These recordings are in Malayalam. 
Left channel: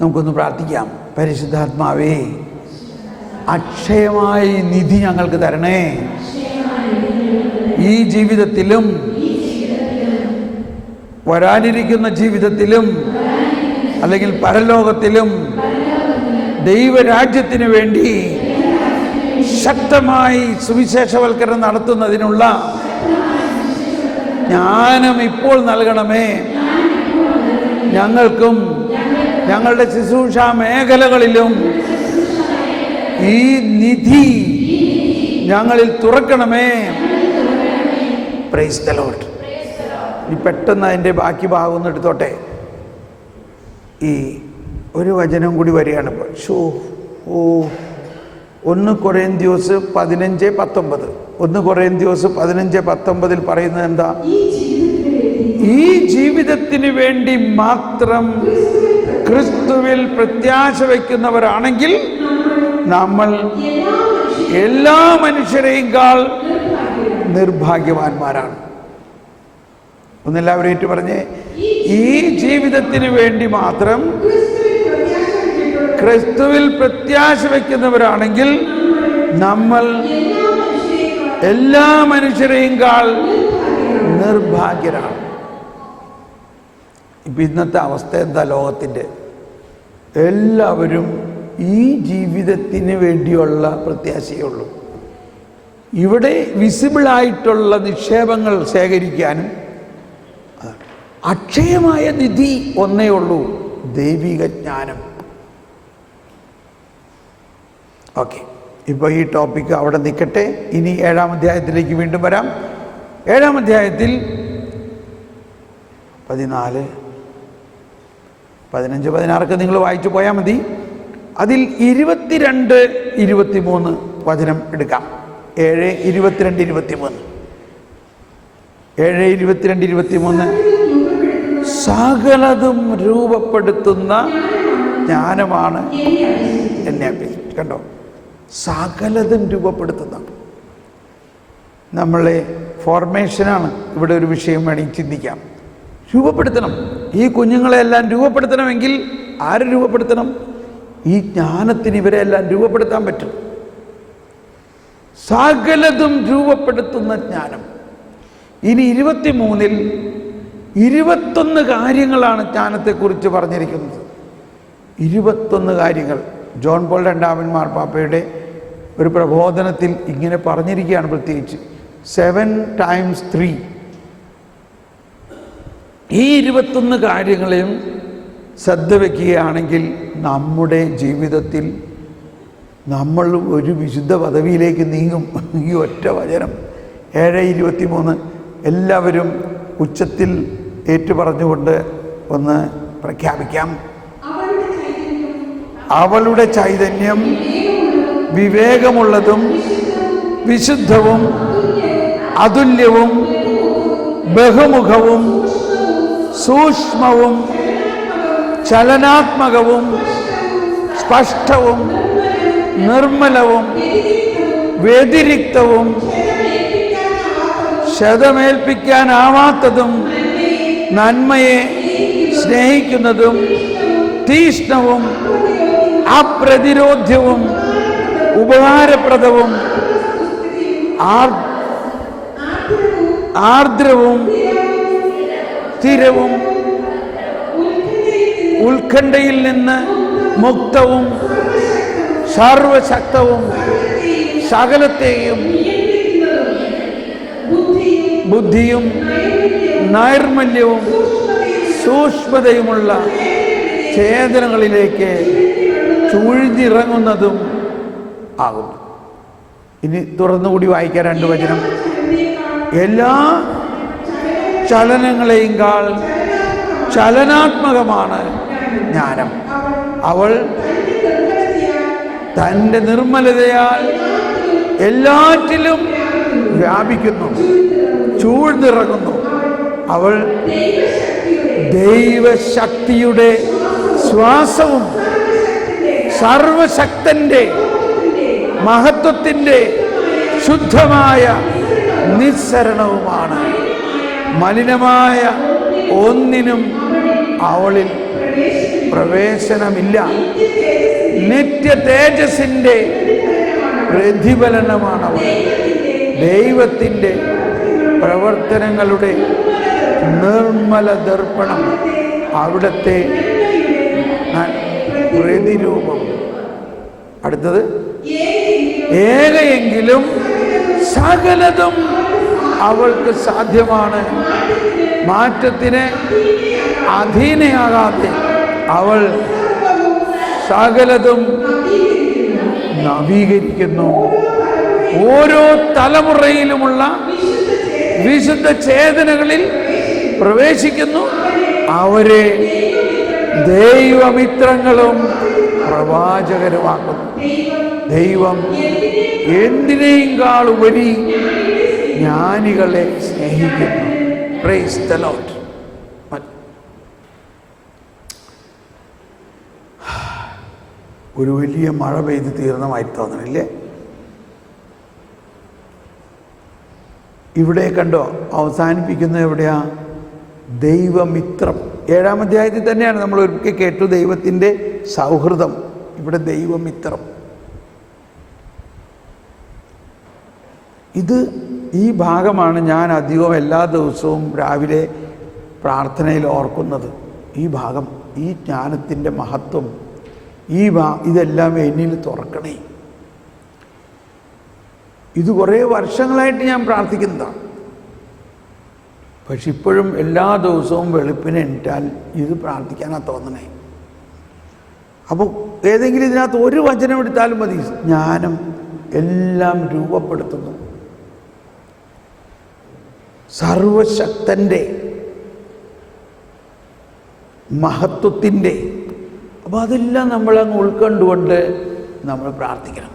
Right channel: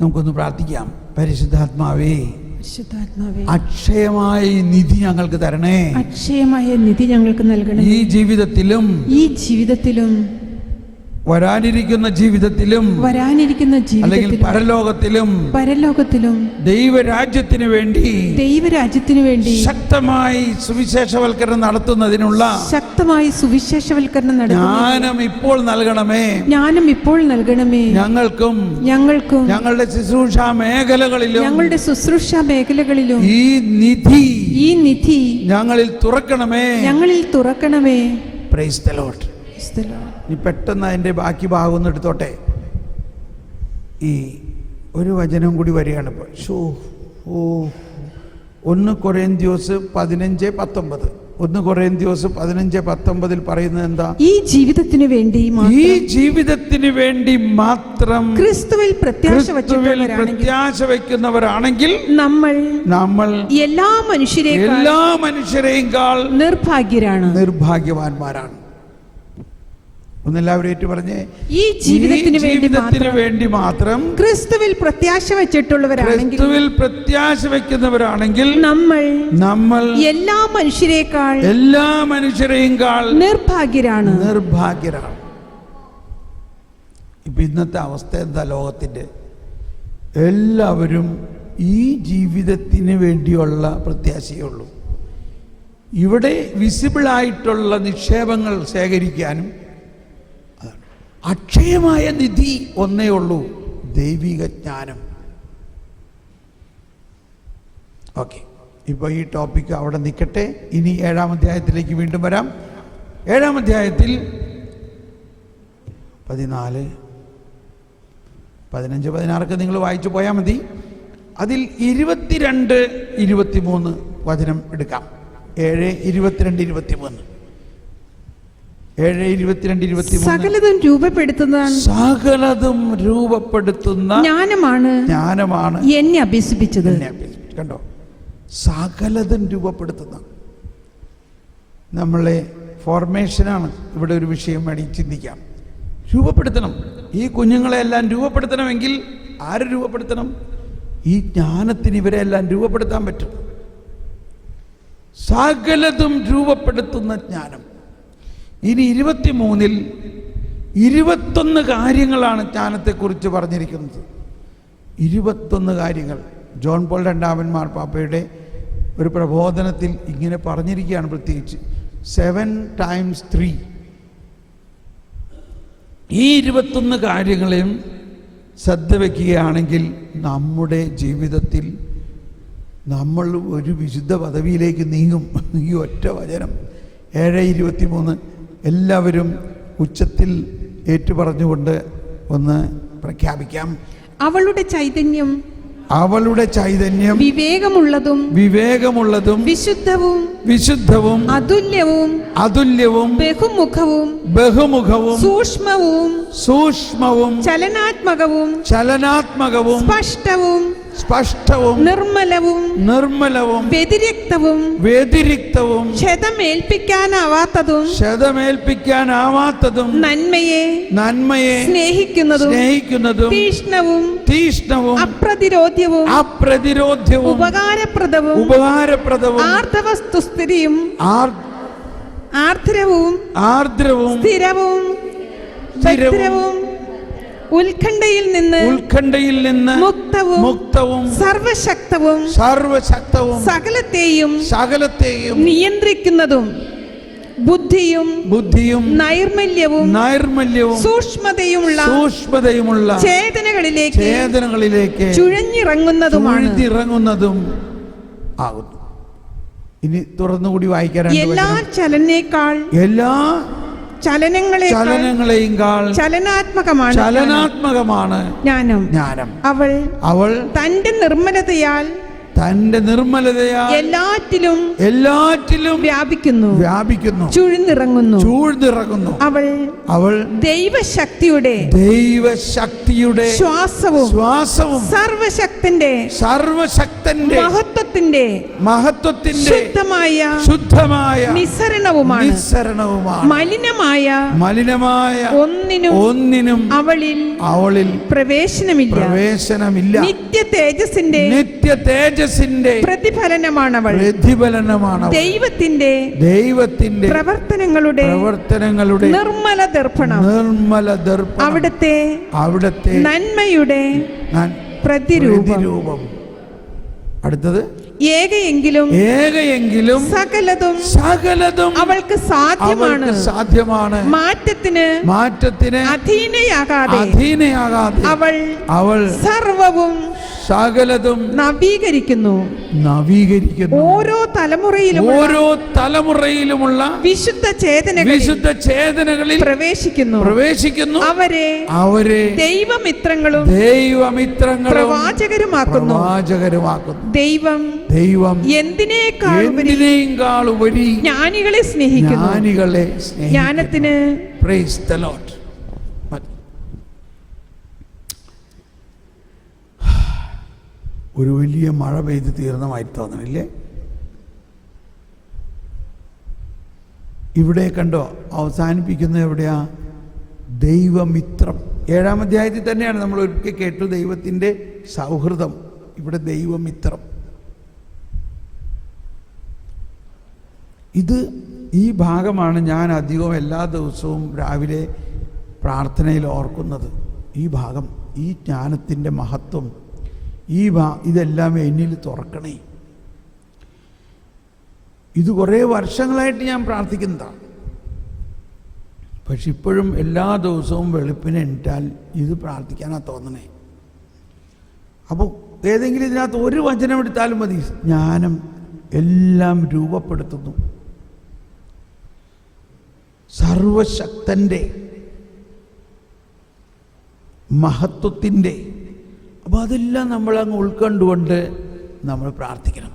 നമുക്കൊന്ന് പ്രാർത്ഥിക്കാം. പരിശുദ്ധാത്മാവേ, അക്ഷയമായ നിധി ഞങ്ങൾക്ക് തരണേ. ഈ ജീവിതത്തിലും വരാനിരിക്കുന്ന ജീവിതത്തിലും അല്ലെങ്കിൽ പരലോകത്തിലും ദൈവരാജ്യത്തിന് വേണ്ടി ശക്തമായി സുവിശേഷവൽക്കരണം നടത്തുന്നതിനുള്ള ജ്ഞാനം ഇപ്പോൾ നൽകണമേ. ഞങ്ങൾക്കും ഞങ്ങളുടെ ശുശ്രൂഷ മേഖലകളിലും ഈ നിധി ഞങ്ങളിൽ തുറക്കണമേ. Praise the Lord. ഇനി പെട്ടെന്ന് അതിൻ്റെ ബാക്കി ഭാഗം ഒന്ന് എടുത്തോട്ടെ. ഈ ഒരു വചനം കൂടി വരികയാണ് ഇപ്പോൾ. 1 കൊരിന്ത്യസ് 15:19. 1 കൊരിന്ത്യസ് 15:19 പറയുന്നത് എന്താ? ഈ ജീവിതത്തിന് വേണ്ടി മാത്രം ക്രിസ്തുവിൽ പ്രത്യാശ വയ്ക്കുന്നവരാണെങ്കിൽ നമ്മൾ എല്ലാ മനുഷ്യരെയും നിർഭാഗ്യവാന്മാരാണ്. ഒന്നെല്ലാവരും ഏറ്റു പറഞ്ഞേ, ഈ ജീവിതത്തിന് വേണ്ടി മാത്രം ക്രിസ്തുവിൽ പ്രത്യാശ വയ്ക്കുന്നവരാണെങ്കിൽ നമ്മൾ എല്ലാ മനുഷ്യരെയും നിർഭാഗ്യരാണ്. ഇപ്പൊ ഇന്നത്തെ അവസ്ഥ എന്താ? ലോകത്തിൻ്റെ എല്ലാവരും ഈ ജീവിതത്തിന് വേണ്ടിയുള്ള പ്രത്യാശയുള്ളൂ. ഇവിടെ വിസിബിളായിട്ടുള്ള നിക്ഷേപങ്ങൾ ശേഖരിക്കാനും അക്ഷയമായ നിധി ഒന്നേ ഉള്ളൂ, ദൈവിക ജ്ഞാനം. ഓക്കെ, ഇപ്പോൾ ഈ ടോപ്പിക്ക് അവിടെ നിൽക്കട്ടെ. ഇനി 7-ാം അധ്യായത്തിലേക്ക് വീണ്ടും വരാം. 7-ാം അധ്യായത്തിൽ 14, 15, 16 നിങ്ങൾ വായിച്ചു പോയാൽ മതി. അതിൽ 22, 23 വചനം എടുക്കാം. 7, 22, 23. 7, 22, 23. സകലതും രൂപപ്പെടുത്തുന്ന ജ്ഞാനമാണ് എന്നെ അഭ്യസിപ്പിച്ചത്. കണ്ടോ, സകലതും രൂപപ്പെടുത്തുന്ന. നമ്മളെ ഫോർമേഷനാണ് ഇവിടെ ഒരു വിഷയം വേണമെങ്കിൽ ചിന്തിക്കാം. രൂപപ്പെടുത്തണം. ഈ കുഞ്ഞുങ്ങളെല്ലാം രൂപപ്പെടുത്തണമെങ്കിൽ ആര് രൂപപ്പെടുത്തണം? ഈ ജ്ഞാനത്തിന് ഇവരെല്ലാം രൂപപ്പെടുത്താൻ പറ്റും. സകലതും രൂപപ്പെടുത്തുന്ന ജ്ഞാനം. ഇനി 23-ൽ 21 കാര്യങ്ങളാണ് ജ്ഞാനത്തെക്കുറിച്ച് പറഞ്ഞിരിക്കുന്നത്. 21 കാര്യങ്ങൾ ജോൺ പോൾ രണ്ടാമൻ മാർപ്പാപ്പയുടെ ഒരു പ്രബോധനത്തിൽ ഇങ്ങനെ പറഞ്ഞിരിക്കുകയാണ്. പ്രത്യേകിച്ച് 7 times 3. ഈ 21 കാര്യങ്ങളെയും ശ്രദ്ധ വയ്ക്കുകയാണെങ്കിൽ നമ്മുടെ ജീവിതത്തിൽ നമ്മൾ ഒരു വിശുദ്ധ പദവിയിലേക്ക് നീങ്ങും. ഈ ഒറ്റ വചനം 7:23 എല്ലാവരും ഉച്ചത്തിൽ ഏറ്റുപറഞ്ഞുകൊണ്ട് ഒന്ന് പ്രഖ്യാപിക്കാം. അവളുടെ ചൈതന്യം വിവേകമുള്ളതും വിശുദ്ധവും അതുല്യവും ബഹുമുഖവും സൂക്ഷ്മവും ചലനാത്മകവും സ്പഷ്ടവും നിർമ്മലവും വ്യതിരിക്തവും ക്ഷതമേൽപ്പിക്കാനാവാത്തതും നന്മയെ സ്നേഹിക്കുന്നതും തീഷ്ണവും അപ്രതിരോധ്യവും ഉപകാരപ്രദവും ആർദ്രവും സ്ഥിരവും ഉത്കണ്ഠയിൽ നിന്ന് മുക്തവും സർവശക്തവും സകലത്തെയും നിയന്ത്രിക്കുന്നതും ബുദ്ധിയും നൈർമല്യവും സൂക്ഷ്മതയുമുള്ള ചേതനകളിലേക്ക് ചുഴിഞ്ഞിറങ്ങുന്നതും ആകുന്നു. ഇനി തുറന്നുകൂടി വായിക്കാൻ 2 വചനം. എല്ലാ ചലനങ്ങളെയും ചലനാത്മകമാണ് ജ്ഞാനം. അവൾ തന്റെ നിർമ്മലതയാൽ എല്ലാറ്റിലും വ്യാപിക്കുന്നു, ചൂഴ്ന്നിറങ്ങുന്നു. അവൾ ദൈവശക്തിയുടെ ശ്വാസവും സർവശക്തന്റെ മഹത്വത്തിന്റെ ശുദ്ധമായ നിസ്സരണവുമാണ്. മലിനമായ ഒന്നിനും അവളിൽ പ്രവേശനമില്ല. നിത്യ തേജസ്സിന്റെ പ്രതിഫലനമാണ് ദൈവത്തിന്റെ പ്രവർത്തനങ്ങളുടെ നിർമ്മല ദർപ്പണം, അവിടുത്തെ പ്രതിരൂപം. അടുത്തത് ഏകയെങ്കിലും സകലതും അവൾക്ക് സാധ്യമാണ്. മാറ്റത്തിന് അധീനയാകാതെ അവൾ സകലതും നവീകരിക്കുന്നു. ഓരോ തലമുറയിലുമുള്ള വിശുദ്ധ ചേതനകളിൽ പ്രവേശിക്കുന്നു. അവരെ ദൈവമിത്രങ്ങളും പ്രവാചകരുമാക്കുന്നു. ദൈവം എന്തിനേയും കാളുപരി ജ്ഞാനികളെ സ്നേഹിക്കുന്നു. Price the Lord. ഒരു വലിയ മഴ പെയ്ത് തീർന്നമായി തോന്നണില്ലേ? ഇവിടെ കണ്ടോ അവസാനിപ്പിക്കുന്നത് എവിടെയാ? ദൈവമിത്രം. 7-ാം അധ്യായത്തിൽ തന്നെയാണ് നമ്മൾ ഒരിക്കൽ കേട്ടു ദൈവത്തിൻ്റെ സൗഹൃദം. ഇവിടെ ദൈവമിത്രം. ഈ ഭാഗമാണ് ഞാൻ അധികവും എല്ലാ ദിവസവും രാവിലെ പ്രാർത്ഥനയിൽ ഓർക്കുന്നത്. ഈ ഭാഗം, ഈ ജ്ഞാനത്തിൻ്റെ മഹത്വം, ഇതെല്ലാം എന്നിൽ തുറക്കണേ. ഇത് കുറേ വർഷങ്ങളായിട്ട് ഞാൻ പ്രാർത്ഥിക്കുന്നതാണ്. പക്ഷെ ഇപ്പോഴും എല്ലാ ദിവസവും വെളുപ്പിനെ എണീറ്റാൽ ഇത് പ്രാർത്ഥിക്കാനാണ് തോന്നണേ. അപ്പോൾ ഏതെങ്കിലും ഇതിനകത്ത് ഒരു വചനം എടുത്താലും മതി. ജ്ഞാനം എല്ലാം രൂപപ്പെടുത്തുന്നു. സർവശക്തൻ്റെ മഹത്വത്തിൻ്റെ. അപ്പോൾ അതെല്ലാം നമ്മളങ്ങ് ഉൾക്കൊണ്ടുകൊണ്ട് നമ്മൾ പ്രാർത്ഥിക്കണം.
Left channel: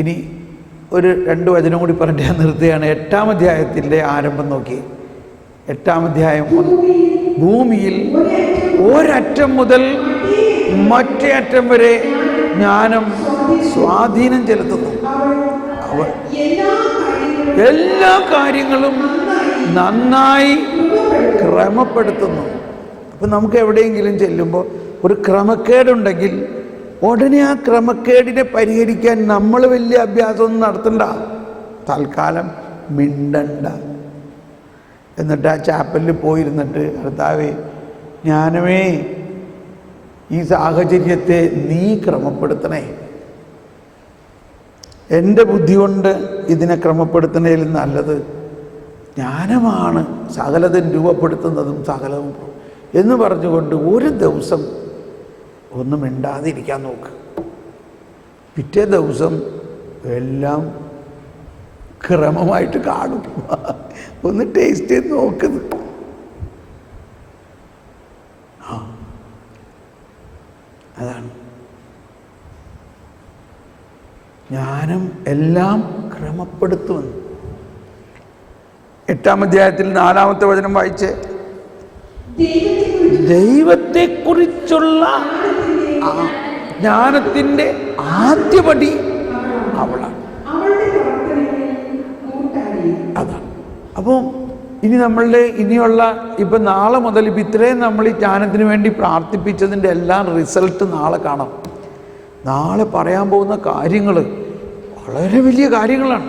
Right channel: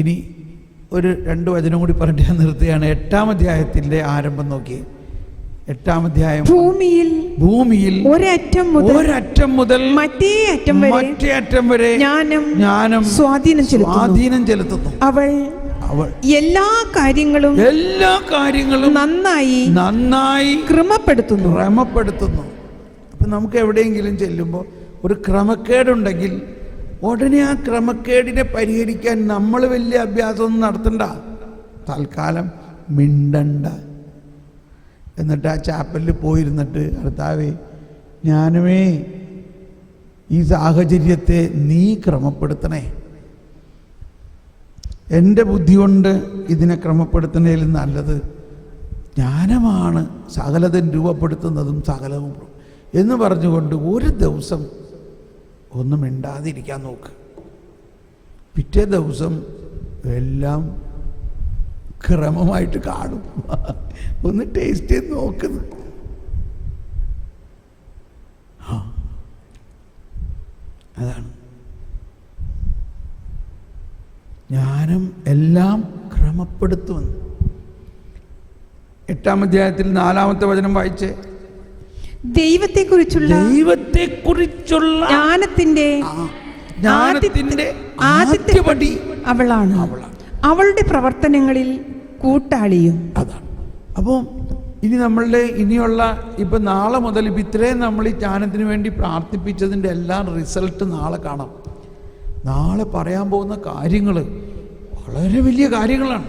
ഇനി ഒരു 2 വചനം കൂടി പറഞ്ഞിട്ട് ഞാൻ നിർത്തുകയാണ്. 8-ാം അധ്യായത്തിൻ്റെ ആരംഭം നോക്കി. 8-ാം അധ്യായം. ഭൂമിയിൽ ഒരറ്റം മുതൽ മറ്റേ അറ്റം വരെ ജ്ഞാനം സ്വാധീനം ചെലുത്തുന്നു. അവൾ എല്ലാ കാര്യങ്ങളും നന്നായി ക്രമപ്പെടുത്തുന്നു. അപ്പം നമുക്ക് എവിടെയെങ്കിലും ചെല്ലുമ്പോൾ ഒരു ക്രമക്കേടുണ്ടെങ്കിൽ ഉടനെ ആ ക്രമക്കേടിനെ പരിഹരിക്കാൻ നമ്മൾ വലിയ അഭ്യാസമൊന്നും നടത്തണ്ട. തൽക്കാലം മിണ്ടണ്ട. എന്നിട്ട് ആ ചാപ്പലിൽ പോയിരുന്നിട്ട്, കർത്താവേ, ജ്ഞാനമേ, ഈ സാഹചര്യത്തെ നീ ക്രമപ്പെടുത്തണേ. എൻ്റെ ബുദ്ധി കൊണ്ട് ഇതിനെ ക്രമപ്പെടുത്തുന്നതിൽ നല്ലത് ജ്ഞാനമാണ് സകലതും രൂപപ്പെടുത്തുന്നതും സകലവും എന്ന് പറഞ്ഞുകൊണ്ട് ഒരു ദിവസം ഒന്നും മിണ്ടാതിരിക്കാൻ നോക്ക്. പിറ്റേ ദിവസം എല്ലാം ക്രമമായിട്ട് കാണും. ഒന്ന് ടേസ്റ്റ് ചെയ്ത് നോക്കുന്നു. അതാണ് ജ്ഞാനം എല്ലാം ക്രമപ്പെടുത്തുമെന്ന്. 8-ാം അധ്യായത്തിൽ 4-ാമത്തെ വചനം വായിച്ച്, ദൈവത്തെക്കുറിച്ചുള്ള ജ്ഞാനത്തിന്റെ ആദ്യപടി അവളാണ്. അവളുടെ പ്രവർത്തനങ്ങളിൽ കൂട്ടാളിയും. അതാണ്. അപ്പോൾ ഇനിയുള്ള ഇപ്പം നാളെ മുതൽ ഇപ്പം ഇത്രയും നമ്മൾ ഈ ജ്ഞാനത്തിന് വേണ്ടി പ്രാർത്ഥിപ്പിച്ചതിൻ്റെ എല്ലാം റിസൾട്ട് നാളെ കാണാം. നാളെ പറയാൻ പോകുന്ന കാര്യങ്ങൾ വളരെ വലിയ കാര്യങ്ങളാണ്.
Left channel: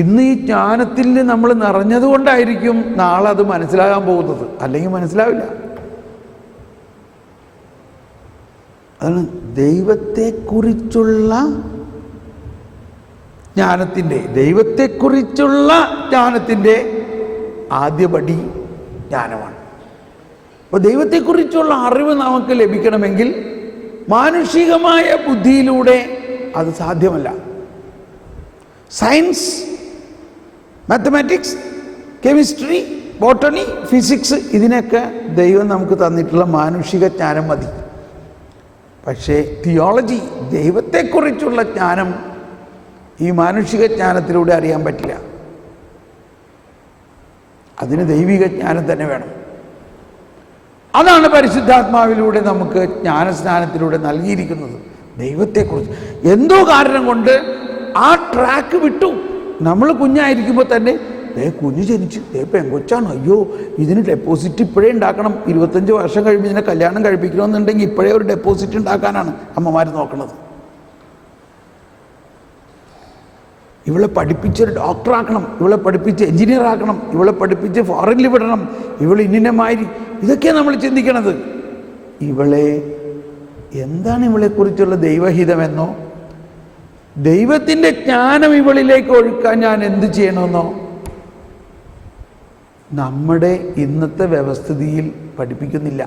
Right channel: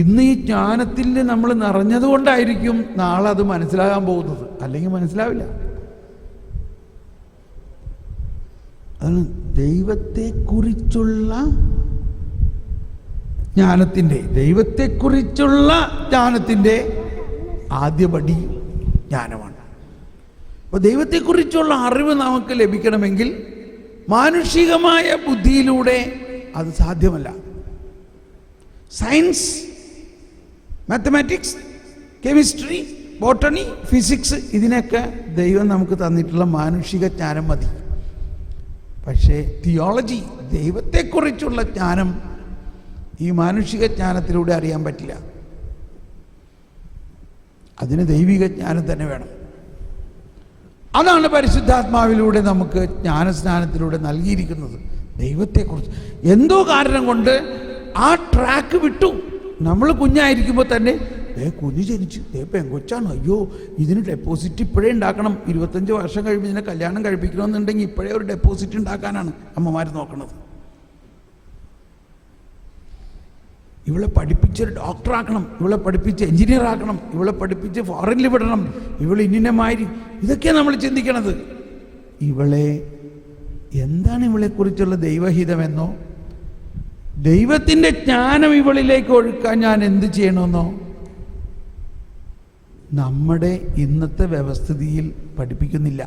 ഇന്ന് ഈ ജ്ഞാനത്തിൽ നമ്മൾ നിറഞ്ഞതുകൊണ്ടായിരിക്കും നാളെ അത് മനസ്സിലാകാൻ പോകുന്നത്, അല്ലെങ്കിൽ മനസ്സിലാവില്ല. അതാണ് ദൈവത്തെക്കുറിച്ചുള്ള ജ്ഞാനത്തിൻ്റെ ആദ്യപടി ജ്ഞാനമാണ്. അപ്പോൾ ദൈവത്തെക്കുറിച്ചുള്ള അറിവ് നമുക്ക് ലഭിക്കണമെങ്കിൽ മാനുഷികമായ ബുദ്ധിയിലൂടെ അത് സാധ്യമല്ല. Science, mathematics, chemistry, botany, physics, ഇതിനൊക്കെ ദൈവം നമുക്ക് തന്നിട്ടുള്ള മാനുഷിക ജ്ഞാനം മതി. പക്ഷേ തിയോളജി, ദൈവത്തെക്കുറിച്ചുള്ള ജ്ഞാനം ഈ മാനുഷിക ജ്ഞാനത്തിലൂടെ അറിയാൻ പറ്റില്ല. അതിന് ദൈവിക ജ്ഞാനം തന്നെ വേണം. അതാണ് പരിശുദ്ധാത്മാവിലൂടെ നമുക്ക് ജ്ഞാനസ്നാനത്തിലൂടെ നൽകിയിരിക്കുന്നത്. ദൈവത്തെക്കുറിച്ച് എന്തോ കാരണം കൊണ്ട് ആ ട്രാക്ക് വിട്ടു. നമ്മൾ കുഞ്ഞായിരിക്കുമ്പോൾ തന്നെ കുഞ്ഞ് ജനിച്ചു, പെങ്കൊച്ചാണ്, അയ്യോ ഇതിന് ഡെപ്പോസിറ്റ് ഇപ്പോഴേ ഉണ്ടാക്കണം, 25 വർഷം കഴിയുമ്പോൾ ഇതിനെ കല്യാണം കഴിപ്പിക്കണമെന്നുണ്ടെങ്കിൽ ഇപ്പോഴേ ഒരു ഡെപ്പോസിറ്റ് ഉണ്ടാക്കാനാണ് അമ്മമാർ നോക്കുന്നത്. ഇവളെ പഠിപ്പിച്ചൊരു ഡോക്ടറാക്കണം, ഇവളെ പഠിപ്പിച്ച് എഞ്ചിനീയർ ആക്കണം, ഇവളെ പഠിപ്പിച്ച് ഫോറിനിൽ വിടണം, ഇവൾ ഇന്നിനമാതിരി, ഇതൊക്കെയാണ് നമ്മൾ ചിന്തിക്കണത്. ഇവളെ എന്താണ് ഇവളെക്കുറിച്ചുള്ള ദൈവഹിതമെന്നോ ദൈവത്തിൻ്റെ ജ്ഞാനം ഇവളിലേക്ക് ഒഴുക്കാൻ ഞാൻ എന്ത് ചെയ്യണമെന്നോ നമ്മുടെ ഇന്നത്തെ വ്യവസ്ഥിതിയിൽ പഠിപ്പിക്കുന്നില്ല.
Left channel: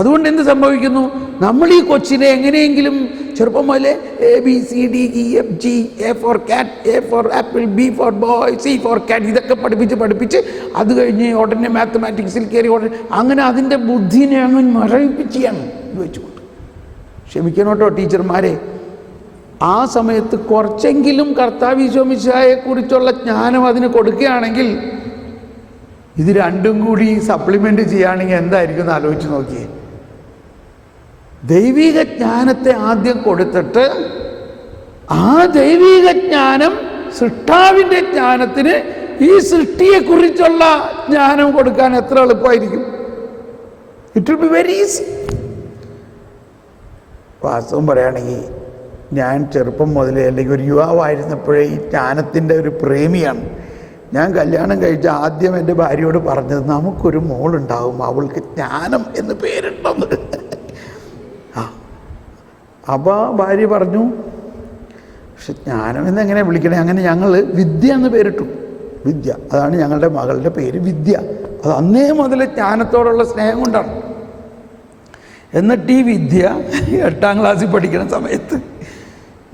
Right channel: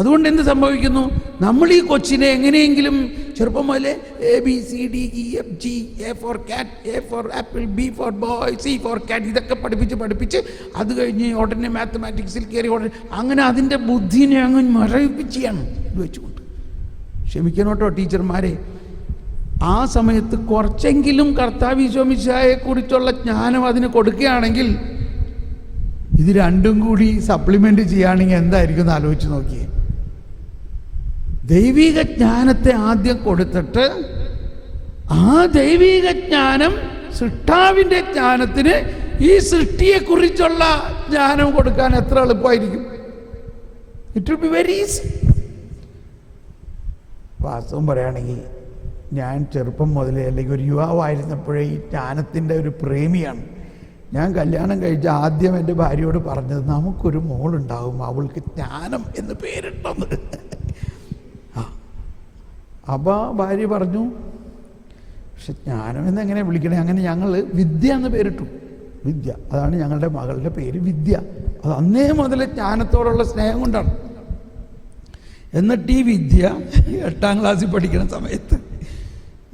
അതുകൊണ്ട് എന്ത് സംഭവിക്കുന്നു? നമ്മൾ ഈ കൊച്ചിനെ എങ്ങനെയെങ്കിലും ചെറുപ്പം മുതലേ ABCDEFG, A for cat, A for apple, B for boy, C for cat ഇതൊക്കെ പഠിപ്പിച്ച് അത് കഴിഞ്ഞ് ഉടനെ മാത്തമാറ്റിക്സിൽ കയറി അങ്ങനെ അതിൻ്റെ ബുദ്ധിനെ അങ്ങ് മരവിപ്പിക്കുകയാണ് വെച്ചുകൊണ്ട്. ക്ഷമിക്കണോട്ടോ ടീച്ചർമാരെ, ആ സമയത്ത് കുറച്ചെങ്കിലും കർത്താവ് ഈശോമിശിഹായെക്കുറിച്ചുള്ള ജ്ഞാനം അതിന് കൊടുക്കുകയാണെങ്കിൽ, ഇത് രണ്ടും കൂടി സപ്ലിമെൻ്റ് ചെയ്യുകയാണെങ്കിൽ എന്തായിരിക്കും എന്ന് ആലോചിച്ച് നോക്കിയേ. ദൈവിക ജ്ഞാനത്തെ ആദ്യം കൊടുത്തിട്ട് ആ ദൈവിക ജ്ഞാനം സൃഷ്ടാവിൻ്റെ ജ്ഞാനത്തിന് ഈ സൃഷ്ടിയെക്കുറിച്ചുള്ള ജ്ഞാനം കൊടുക്കാൻ എത്ര എളുപ്പമായിരിക്കും. It will be very easy. വാസ്തവം പറയുകയാണെങ്കിൽ ഞാൻ ചെറുപ്പം മുതലേ അല്ലെങ്കിൽ ഒരു യുവാവായിരുന്നപ്പോഴേ ഈ ജ്ഞാനത്തിൻ്റെ ഒരു പ്രേമിയാണ്. ഞാൻ കല്യാണം കഴിച്ച ആദ്യം എൻ്റെ ഭാര്യയോട് പറഞ്ഞത്, നമുക്കൊരു മോളുണ്ടാവും, അവൾക്ക് ജ്ഞാനം എന്ന് പേരിട്ടെന്ന്. അപ്പോൾ ഭാര്യ പറഞ്ഞു, പക്ഷെ ജ്ഞാനം എന്നെങ്ങനെ വിളിക്കണേ? അങ്ങനെ ഞങ്ങൾ വിദ്യ എന്ന് പേരിട്ടു. വിദ്യ, അതാണ് ഞങ്ങളുടെ മകളുടെ പേര്, വിദ്യ. അത് അന്നേ മുതൽ ജ്ഞാനത്തോടുള്ള സ്നേഹം കൊണ്ടാണ്. എന്നിട്ട് ഈ വിദ്യ 8ാം ക്ലാസ്സിൽ പഠിക്കുന്ന സമയത്ത്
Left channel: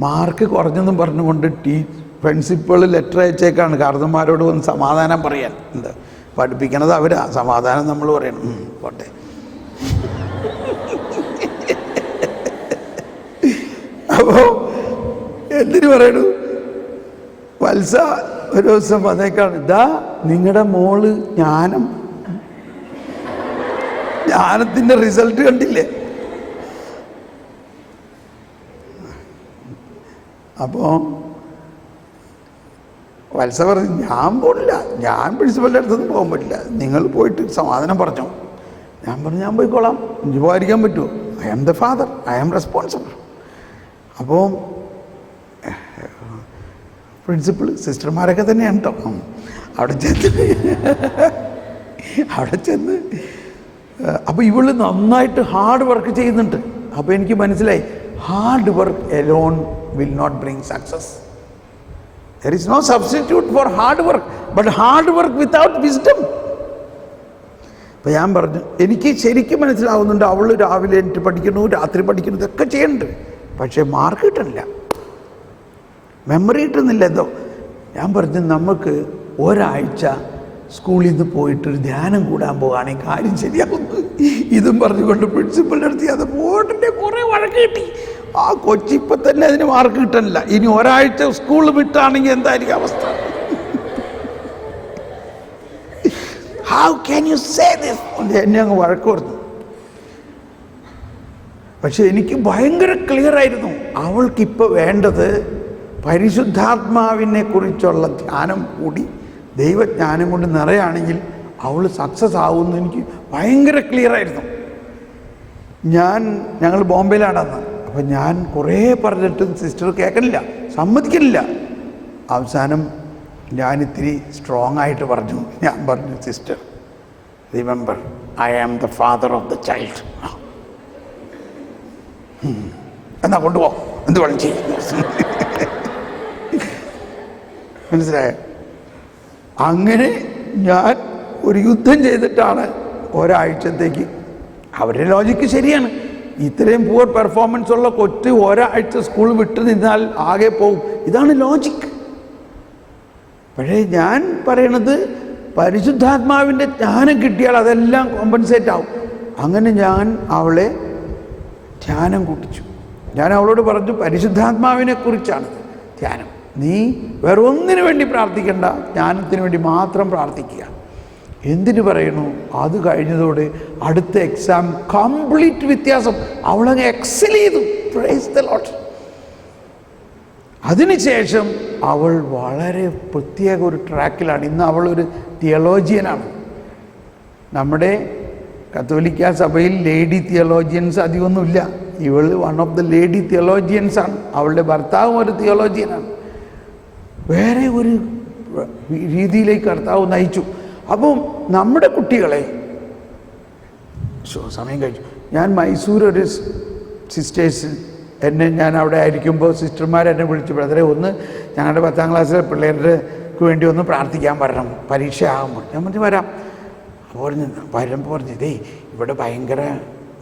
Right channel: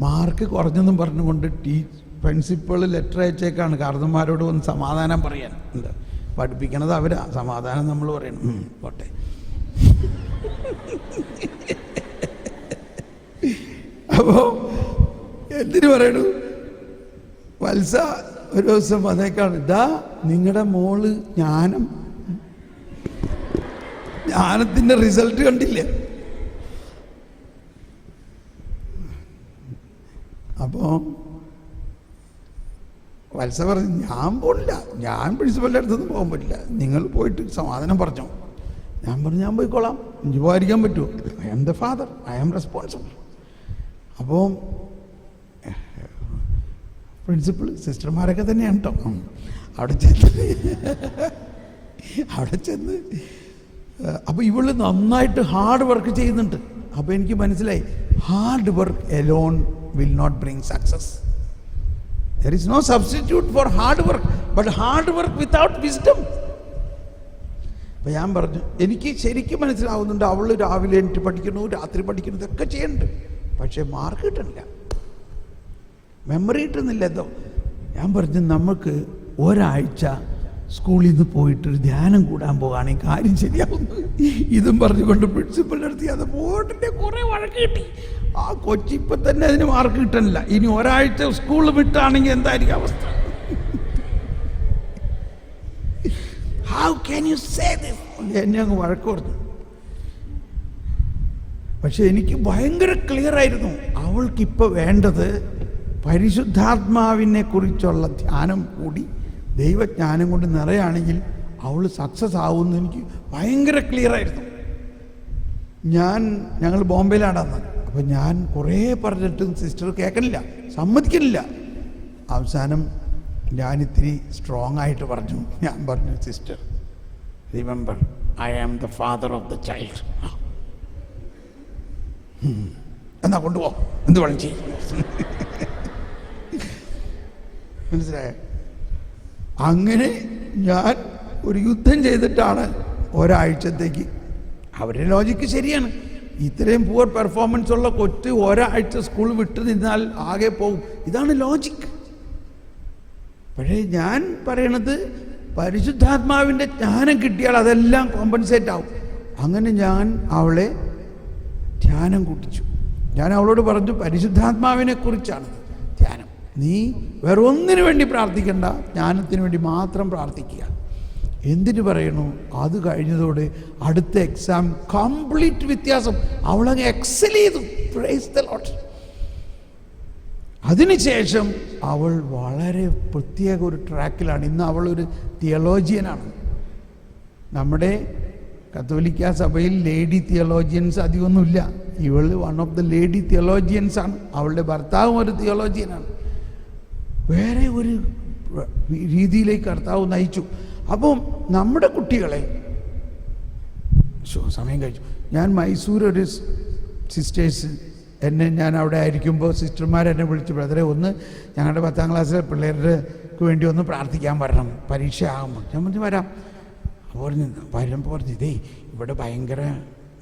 മാർക്ക് കുറഞ്ഞെന്നും പറഞ്ഞുകൊണ്ട് പ്രിൻസിപ്പൾ ലെറ്റർ അയച്ചേക്കാണ് കാർന്നന്മാരോട് വന്ന് സമാധാനം പറയാൻ. എന്താ പഠിപ്പിക്കണത് അവരാ, സമാധാനം നമ്മൾ പറയണം. പോട്ടെ. അപ്പോൾ എന്തിനു പറയണു? വത്സ ഒരു ദിവസം വന്നേക്കാണ്, ഇതാ നിങ്ങളുടെ മോള് ജ്ഞാനത്തിൻ്റെ റിസൾട്ട് കണ്ടില്ലേ? അപ്പോൾ വത്സ പറഞ്ഞു, ഞാൻ പോകില്ല, ഞാൻ പ്രിൻസിപ്പലിൻ്റെ അടുത്തൊന്നും പോകാൻ പറ്റില്ല, നിങ്ങൾ പോയിട്ട് സമാധാനം പറഞ്ഞോ. ഞാൻ പറഞ്ഞു, ഞാൻ പോയിക്കോളാം, എനിക്ക് പോകാതിരിക്കാൻ പറ്റുമോ? I am the father, I am responsible. അപ്പോൾ പ്രിൻസിപ്പൾ സിസ്റ്റർമാരൊക്കെ തന്നെയാണ് കേട്ടോ. അവിടെ ചെന്ന് അപ്പോൾ ഇവള് നന്നായിട്ട് ഹാർഡ് വർക്ക് ചെയ്യുന്നുണ്ട്. അപ്പോൾ എനിക്ക് മനസ്സിലായി, hard work alone will not bring success. There is no substitute for hard work, but hard work without wisdom. അപ്പോൾ ഞാൻ പറഞ്ഞു, എനിക്ക് ശരിക്കും മനസ്സിലാവുന്നുണ്ട്, അവൾ രാവിലെ എനിക്ക് പഠിക്കണു, രാത്രി പഠിക്കണു, ഇതൊക്കെ ചെയ്യുന്നുണ്ട്, പക്ഷേ മാർക്ക് കിട്ടുന്നില്ല, മെമ്മറി കിട്ടുന്നില്ല എന്തോ. ഞാൻ പറഞ്ഞു, നമുക്ക് ഒരാഴ്ച സ്കൂളിൽ നിന്ന് പോയിട്ടൊരു ധ്യാനം കൂടാൻ പോകുകയാണെങ്കിൽ കാര്യം ശരിയാവുന്നു. ഇതും പറഞ്ഞുകൊണ്ട് പ്രിൻസിപ്പലിൻ്റെ അടുത്ത് അത് പോയിട്ടിൻ്റെ കുറേ വഴക്ക് കിട്ടി. ആ കൊച്ചിപ്പം തന്നെ അതിന് മാർക്ക് കിട്ടാനില്ല, ഇനി ഒരാഴ്ച സ്കൂൾ വിട്ടാണെങ്കിൽ എന്തായിരിക്കും അവസ്ഥ? How can you say this? എന്നെ അങ്ങ് വഴക്ക് പറഞ്ഞു. പക്ഷെ എനിക്ക് ഭയങ്കര ക്ലിയർ ആയിരുന്നു, അവൾക്കിപ്പോൾ വേണ്ടത് പരിശുദ്ധാത്മാവിനെ കുറിച്ചുള്ള ധ്യാനം കൂടി ദൈവജ്ഞാനം കൊണ്ട് നിറയാണെങ്കിൽ അവൾ സക്സസ് ആവുമെന്ന് എനിക്ക് ഭയങ്കര ക്ലിയർ ആയിരുന്നു. ഞങ്ങൾ ബോംബെയിലാണെന്ന്. അപ്പം ഞാൻ കുറേ പറഞ്ഞിട്ടും സിസ്റ്റർ കേൾക്കണില്ല, സമ്മതിക്കണില്ല. അവസാനം ഞാനിത്തിരി സ്ട്രോങ് ആയിട്ട് പറഞ്ഞു. ഞാൻ പറഞ്ഞു, sister remember, I am the father of the child. എന്നാ കൊണ്ടുപോ, എന്ത് വേണം ചെയ്യും. മനസ്സിലായോ? അങ്ങനെ ഞാൻ ഒരു യുദ്ധം ചെയ്തിട്ടാണ് ഒരാഴ്ചത്തേക്ക്. അവരുടെ ലോജിക്ക് ശരിയാണ്, ഇത്രയും പുവർ പെർഫോമൻസ് ഉള്ള കൊച്ച് ഒരാഴ്ച സ്കൂൾ വിട്ടു നിന്നാൽ ആകെ പോവും, ഇതാണ് ലോജിക്ക്. പക്ഷേ ഞാൻ പറയണത് പരിശുദ്ധാത്മാവിൻ്റെ ജ്ഞാനം കിട്ടിയാൽ അതെല്ലാം കോമ്പൻസേറ്റ് ആവും. അങ്ങനെ ഞാൻ അവളെ ധ്യാനം കൂട്ടിച്ചു. ഞാൻ അവളോട് പറഞ്ഞു, പരിശുദ്ധാത്മാവിനെ കുറിച്ചാണ് ധ്യാനം, നീ വേറെ ഒന്നിനു വേണ്ടി പ്രാർത്ഥിക്കണ്ട, ജ്ഞാനത്തിന് വേണ്ടി മാത്രം പ്രാർത്ഥിക്കുക. എന്തിനു പറയണു? അത് കഴിഞ്ഞതോടെ അടുത്ത എക്സാം കംപ്ലീറ്റ് വ്യത്യാസം. അവളങ്ങ് എക്സൽ ചെയ്തു. Price the Lord. അതിനുശേഷം അവൾ വളരെ പ്രത്യേക ഒരു ട്രാക്കിലാണ്. ഇന്ന് അവളൊരു തിയോളജിയനാണ്. നമ്മുടെ കത്തോലിക്ക സഭയിൽ ലേഡി തിയോളജിയൻസ് അധികമൊന്നുമില്ല. ഇവൾ one of the lady theologians ആണ്. അവളുടെ ഭർത്താവും ഒരു തിയോളജിയനാണ്. വേറെ ഒരു രീതിയിലേക്ക് കർത്താവ് നയിച്ചു. അപ്പോൾ നമ്മുടെ കുട്ടികളെ സമയം കഴിച്ചു. ഞാൻ മൈസൂർ ഒരു സിസ്റ്റേഴ്സ് ഞാൻ അവിടെ ആയിരിക്കുമ്പോൾ സിസ്റ്റർമാരെന്നെ വിളിച്ചു, ബ്രദറെ ഒന്ന് ഞങ്ങളുടെ 10ാം ക്ലാസ്സിലെ പിള്ളേർക്ക് വേണ്ടി ഒന്ന് പ്രാർത്ഥിക്കാൻ വരണം, പരീക്ഷ ആകുമ്പോൾ. ഞാൻ പറഞ്ഞു വരാം. വരുമ്പോൾ പറഞ്ഞു ഇതേ ഇവിടെ ഭയങ്കര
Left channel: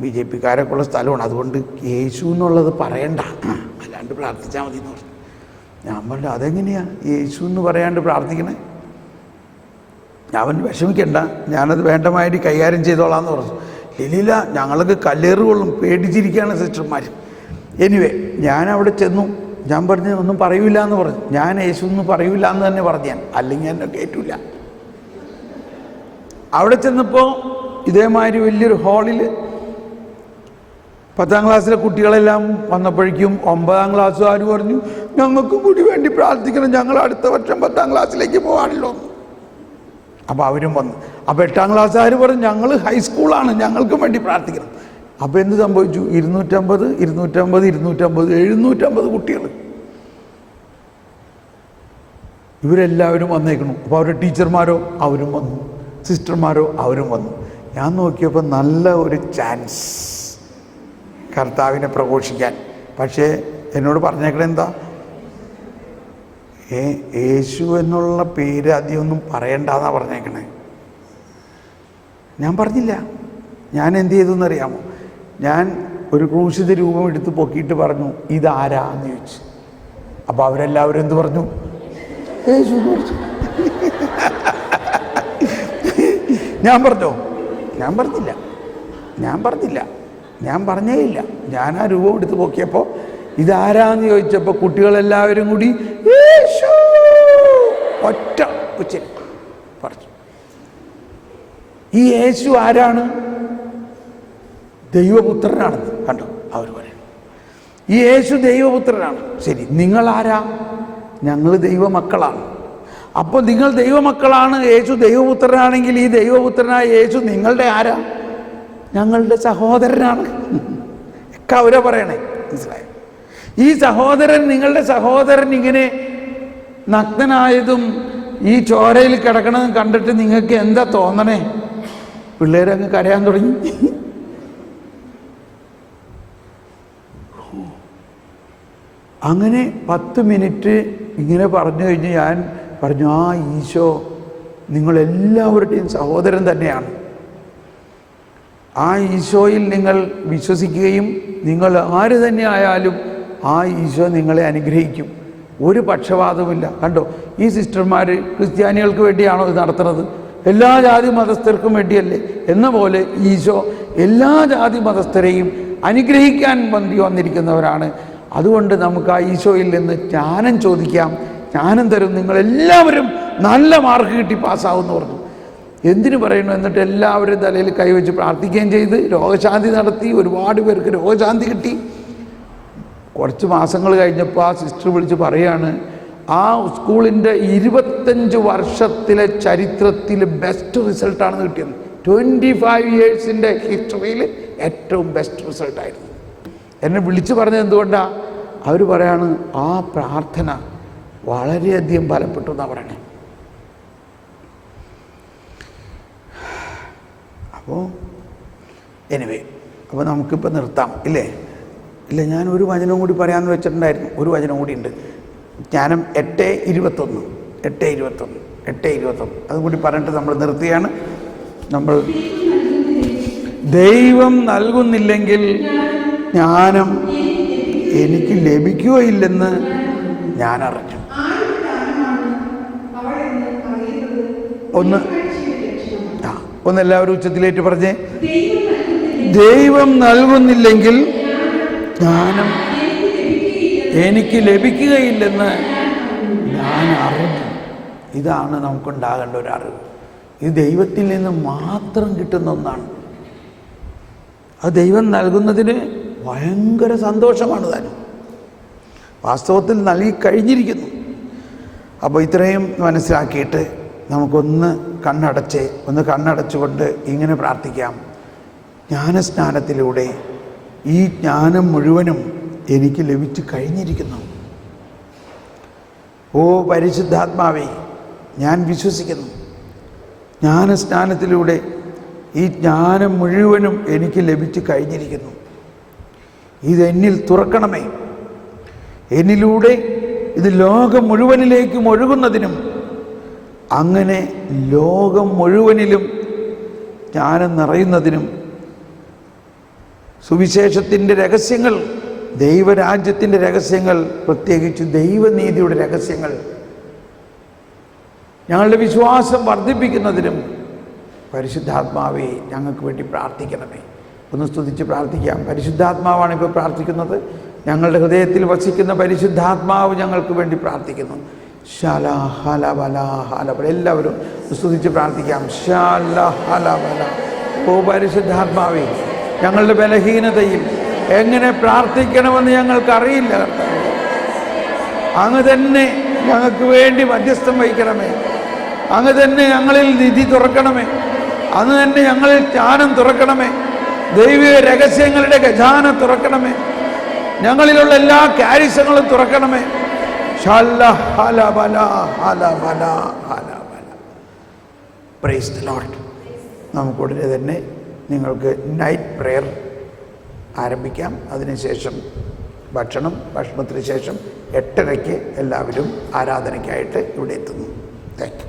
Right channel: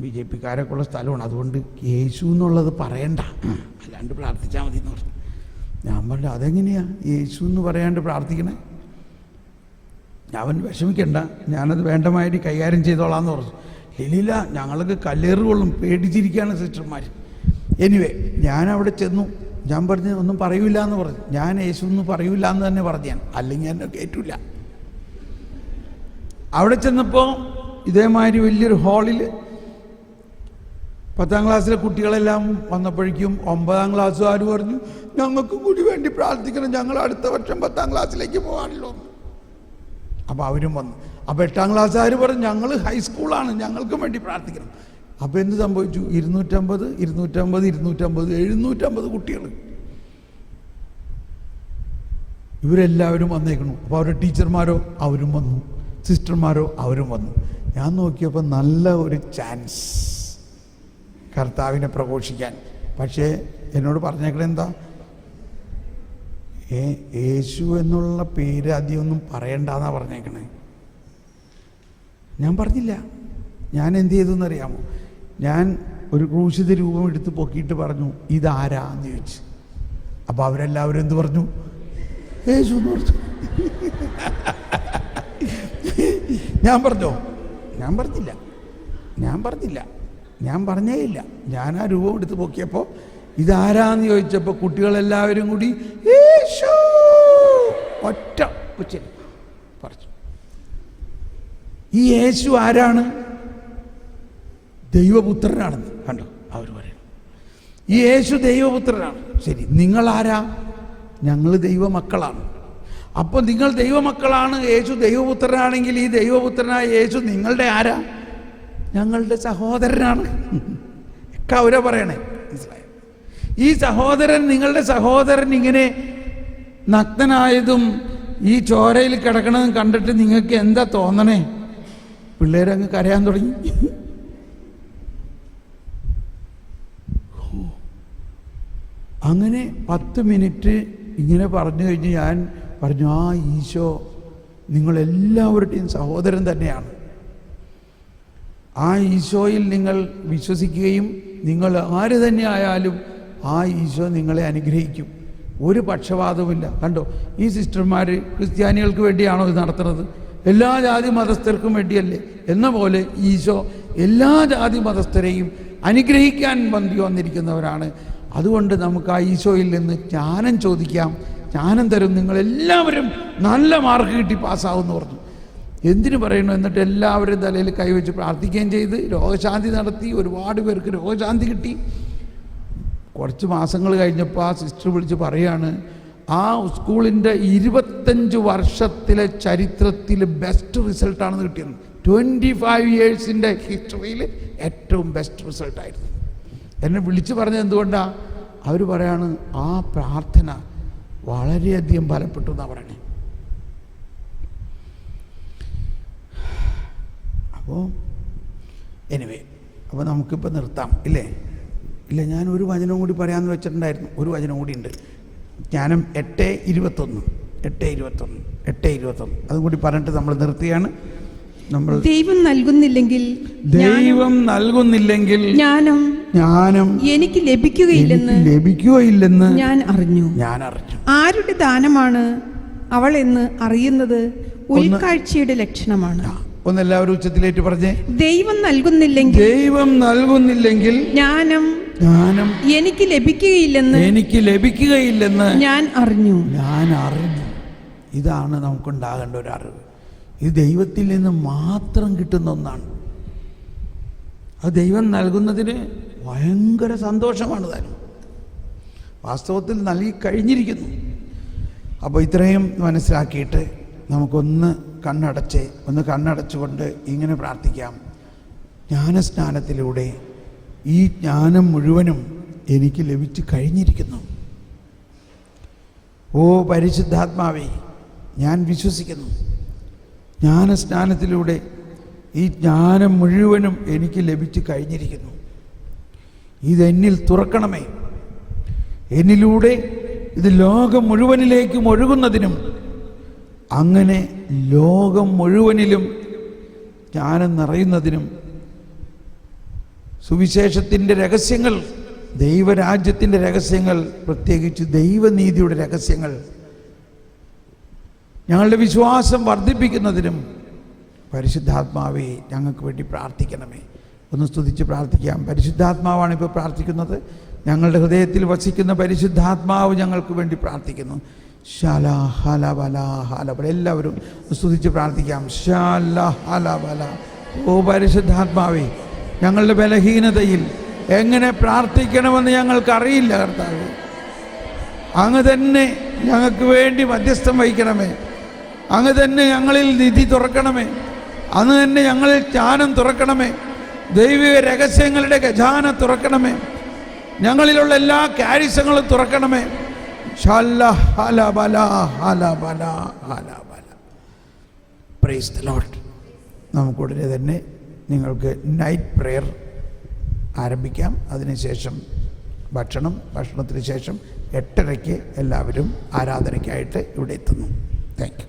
BJP-കാരൊക്കെ ഉള്ള സ്ഥലമാണ്, അതുകൊണ്ട് യേശു എന്നുള്ളത് പറയണ്ട, അല്ലാണ്ട് പ്രാർത്ഥിച്ചാൽ മതി എന്ന് പറഞ്ഞു. ഞാൻ പറഞ്ഞു അതെങ്ങനെയാണ് യേശു എന്ന് പറയാണ്ട് പ്രാർത്ഥിക്കണേ? അവൻ വിഷമിക്കണ്ട, ഞാനത് വേണ്ടമായിട്ട് കൈകാര്യം ചെയ്തോളാന്ന് പറഞ്ഞു. ഇല്ലില്ല, ഞങ്ങൾക്ക് കല്ലേറ് കൊള്ളും, പേടിച്ചിരിക്കുകയാണ് സിസ്റ്റർമാർ. എനിവേ ഞാൻ അവിടെ ചെന്നു. ഞാൻ പറഞ്ഞു ഒന്നും പറയൂല എന്ന് പറഞ്ഞു. ഞാൻ യേശു എന്ന് പറയൂല എന്ന് തന്നെ പറഞ്ഞു ഞാൻ, അല്ലെങ്കിൽ എന്നെ കേട്ടില്ല. അവിടെ ചെന്നപ്പോൾ ഇതേമാതിരി വലിയൊരു ഹാളിൽ 10ാം ക്ലാസ്സിലെ കുട്ടികളെല്ലാം വന്നപ്പോഴേക്കും 9ാം ക്ലാസ്സുകാർ പറഞ്ഞു ഞങ്ങൾക്ക് കൂടി വേണ്ടി പ്രാർത്ഥിക്കണം, ഞങ്ങൾ അടുത്ത വർഷം 10ാം ക്ലാസ്സിലേക്ക് പോകാണല്ലോ. അപ്പോൾ അവരും വന്നു. അപ്പോൾ 8ാം ക്ലാസ്സുകാർ പറഞ്ഞു ഞങ്ങൾ ഹൈസ്കൂളാണ്, ഞങ്ങൾക്ക് വേണ്ടി പ്രാർത്ഥിക്കണം. അപ്പോൾ എന്ത് സംഭവിച്ചു? 250 750 കുട്ടികൾ ഇവരെല്ലാവരും വന്നേക്കണു. അപ്പോൾ അവരുടെ ടീച്ചർമാരോ അവരും വന്നു, സിസ്റ്റർമാരോ അവരും വന്നു. ഞാൻ നോക്കിയപ്പോൾ നല്ല ഒരു ചാൻസ് കർത്താവിനെ പ്രഘോഷിക്കാൻ. പക്ഷേ എന്നോട് പറഞ്ഞേക്കണേ എന്താ, യേശു എന്നുള്ള പേര് അധികമൊന്നും പറയണ്ടെന്നാണ് പറഞ്ഞേക്കണേ. ഞാൻ പറഞ്ഞില്ല. ഞാൻ എന്ത് ചെയ്തെന്നറിയാമോ? ഞാൻ ഒരു ക്രൂശിത രൂപം എടുത്ത് പൊക്കിയിട്ട് പറഞ്ഞു ഇതാരാ എന്ന് ചോദിച്ചു. അപ്പോൾ അവരെല്ലാവരും എന്ത് പറഞ്ഞു? യേശു എന്ന് പറഞ്ഞു. ഞാൻ പറഞ്ഞോ? ഞാൻ പറഞ്ഞേയില്ല. ഞാൻ ആ രൂപം എടുത്ത് പൊക്കിയപ്പോൾ ഇതാരാന്ന് ചോദിച്ചപ്പോൾ കുട്ടികളെല്ലാവരും കൂടി യേശു ഒറ്റ ഉച്ചരി പറഞ്ഞു. ഈ യേശു ആരാണ്? ദൈവപുത്രനാണെന്ന് കണ്ടോ അവർ പറയും. ഈ യേശു ദൈവപുത്രനാണ്. ശരി, നിങ്ങളാരാ? ഞങ്ങൾ ദൈവമക്കളാണ്. അപ്പോൾ നിങ്ങൾ ദൈവമക്കളാണ്, യേശു ദൈവപുത്രനാണെങ്കിൽ ഈ ദൈവപുത്രനായ യേശു നിങ്ങളുടെ ആരാ? ഞങ്ങളുടെ സഹോദരനാണ്. ഒക്കെ അവരെ പറയണേ, മനസ്സിലായോ? ഈ സഹോദരൻ, നിങ്ങളുടെ സഹോദരൻ ഇങ്ങനെ നഗ്നനായതും ഈ ചോരയിൽ കിടക്കണതും കണ്ടിട്ട് നിങ്ങൾക്ക് എന്താ തോന്നണേ? പിള്ളേരങ്ങ് കരയാൻ തുടങ്ങി. അങ്ങനെ 10 മിനിറ്റ് ഇങ്ങനെ പറഞ്ഞു കഴിഞ്ഞ് ഞാൻ പറഞ്ഞു ആ ഈശോ നിങ്ങളെല്ലാവരുടെയും സഹോദരൻ തന്നെയാണ്. ആ ഈശോയിൽ നിങ്ങൾ വിശ്വസിക്കുകയും നിങ്ങൾ ആര് തന്നെ ആയാലും ആ ഈശോ നിങ്ങളെ അനുഗ്രഹിക്കും. ഒരു പക്ഷപാതവുമില്ല. കണ്ടോ, ഈ സിസ്റ്റർമാർ ക്രിസ്ത്യാനികൾക്ക് വേണ്ടിയാണോ ഇത് നടത്തുന്നത്? എല്ലാ ജാതി മതസ്ഥർക്കും വേണ്ടിയല്ലേ? എന്ന പോലെ ഈശോ എല്ലാ ജാതി മതസ്ഥരെയും അനുഗ്രഹിക്കാൻ വന്നിരിക്കുന്നവരാണ്. അതുകൊണ്ട് നമുക്ക് ആ ഈശോയിൽ നിന്ന് ജ്ഞാനം ചോദിക്കാം, ജ്ഞാനം തരും, നിങ്ങളെല്ലാവരും നല്ല മാർക്ക് കിട്ടി പാസ്സാവുമെന്ന് പറഞ്ഞു. എന്തിനു പറയുന്നു? എന്നിട്ട് എല്ലാവരും തലയിൽ കൈവച്ച് പ്രാർത്ഥിക്കുകയും ചെയ്ത് രോഗശാന്തി നടത്തി. ഒരുപാട് പേർക്ക് രോഗശാന്തി കിട്ടി. കുറച്ച് മാസങ്ങൾ കഴിഞ്ഞപ്പോൾ ആ സിസ്റ്റർ വിളിച്ച് പറയാണ് ആ സ്കൂളിൻ്റെ 25 വർഷത്തിലെ ചരിത്രത്തിൽ ബെസ്റ്റ് റിസൾട്ടാണെന്ന് കിട്ടിയത്. 25 ഇയേഴ്സിൻ്റെ ഹിസ്റ്ററിയിൽ ഏറ്റവും ബെസ്റ്റ് റിസൾട്ടായിരുന്നു. എന്നെ വിളിച്ചു പറഞ്ഞത് എന്തുകൊണ്ടാണ്? അവർ പറയാണ് ആ പ്രാർത്ഥന വളരെയധികം ഫലപ്പെട്ടു എന്നാണ് പറയണേ. അപ്പോൾ എനിവേ, അപ്പോൾ നമുക്കിപ്പോൾ നിർത്താം ഇല്ലേ? ഇല്ല, ഞാൻ ഒരു വചനവും കൂടി പറയാമെന്ന് വെച്ചിട്ടുണ്ടായിരുന്നു. ഒരു വചനം കൂടി ഉണ്ട്. ജ്ഞാനം 8:21 അതും കൂടി പറഞ്ഞിട്ട് നമ്മൾ നിർത്തിയാണ്. നമ്മൾ ദൈവം നൽകുന്നില്ലെങ്കിൽ ജ്ഞാനം എനിക്ക് ലഭിക്കുകയില്ലെന്ന് ഞാൻ അറിഞ്ഞു. ആരുടെ ദാനമാണ് അവൾ എന്ന് അറിയുന്നത് ഉൾക്കാഴ്ചയുടെ ലക്ഷണമാണ്. ഒന്നെല്ലാവരും ഉച്ചത്തിലേക്ക് പറഞ്ഞേ. ദൈവം നൽകുന്നില്ലെങ്കിൽ ജ്ഞാനം എനിക്ക് ലഭിക്കുകയില്ലെന്ന് ഞാൻ അറിഞ്ഞു. ഇതാണ് നമുക്കുണ്ടാകേണ്ട ഒരു അറിവ്. ഇത് ദൈവത്തിൽ നിന്ന് മാത്രം കിട്ടുന്ന ഒന്നാണ്. അത് ദൈവം നൽകുന്നതിന് ഭയങ്കര സന്തോഷമാണ് താനും. വാസ്തവത്തിൽ നൽകി കഴിഞ്ഞിരിക്കുന്നു. അപ്പോൾ ഇത്രയും മനസ്സിലാക്കിയിട്ട് നമുക്കൊന്ന് കണ്ണടച്ചുകൊണ്ട് ഇങ്ങനെ പ്രാർത്ഥിക്കാം. ജ്ഞാനസ്നാനത്തിലൂടെ ഈ ജ്ഞാനം മുഴുവനും എനിക്ക് ലഭിച്ചു കഴിഞ്ഞിരിക്കുന്നു. ഓ പരിശുദ്ധാത്മാവേ, ഞാൻ വിശ്വസിക്കുന്നു, ജ്ഞാനസ്നാനത്തിലൂടെ ഈ ജ്ഞാനം മുഴുവനും എനിക്ക് ലഭിച്ചു കഴിഞ്ഞിരിക്കുന്നു. ഇതെന്നിൽ തുറക്കണമേ. എന്നിലൂടെ ഇത് ലോകം മുഴുവനിലേക്കും ഒഴുകുന്നതിനും അങ്ങനെ ലോകം മുഴുവനിലും ജ്ഞാനം നിറയുന്നതിനും സുവിശേഷത്തിൻ്റെ രഹസ്യങ്ങൾ, ദൈവരാജ്യത്തിൻ്റെ രഹസ്യങ്ങൾ, പ്രത്യേകിച്ച് ദൈവനീതിയുടെ രഹസ്യങ്ങൾ ഞങ്ങളുടെ വിശ്വാസം വർദ്ധിപ്പിക്കുന്നതിനും പരിശുദ്ധാത്മാവേ ഞങ്ങൾക്ക് വേണ്ടി പ്രാർത്ഥിക്കണമേ. ഒന്ന് സ്തുതിച്ച് പ്രാർത്ഥിക്കാം. പരിശുദ്ധാത്മാവാണ് ഇപ്പോൾ പ്രാർത്ഥിക്കുന്നത്. ഞങ്ങളുടെ ഹൃദയത്തിൽ വസിക്കുന്ന പരിശുദ്ധാത്മാവ് ഞങ്ങൾക്ക് വേണ്ടി പ്രാർത്ഥിക്കുന്നു. ശാല ഹല ബല ഹല ബല. എല്ലാവരും സ്തുതിച്ച് പ്രാർത്ഥിക്കാം. ശാല ഹല ബല. ഓ പരിശുദ്ധാത്മാവേ, ഞങ്ങളുടെ ബലഹീനതയിൽ എങ്ങനെ പ്രാർത്ഥിക്കണമെന്ന് ഞങ്ങൾക്കറിയില്ല കർത്താവേ. അങ്ങ് തന്നെ ഞങ്ങൾക്ക് വേണ്ടി മധ്യസ്ഥം വഹിക്കണമേ. അങ്ങ് തന്നെ ഞങ്ങളിൽ നിധി തുറക്കണമേ. അങ്ങ് തന്നെ ഞങ്ങളിൽ ജ്ഞാനം തുറക്കണമേ. ദൈവിക രഹസ്യങ്ങളുടെ ഖജാന തുറക്കണമേ. ഞങ്ങളിലുള്ള എല്ലാ കാര്യങ്ങളും തുറക്കണമേ. Praise the Lord. നമുക്കുടനെ തന്നെ നിങ്ങൾക്ക് നൈറ്റ് പ്രെയർ ആരംഭിക്കാം. അതിനുശേഷം ഭക്ഷണത്തിന് ശേഷം 8:30 എല്ലാവരും ആരാധനയ്ക്കായിട്ട് ഇവിടെ എത്തുന്നു. Thank you.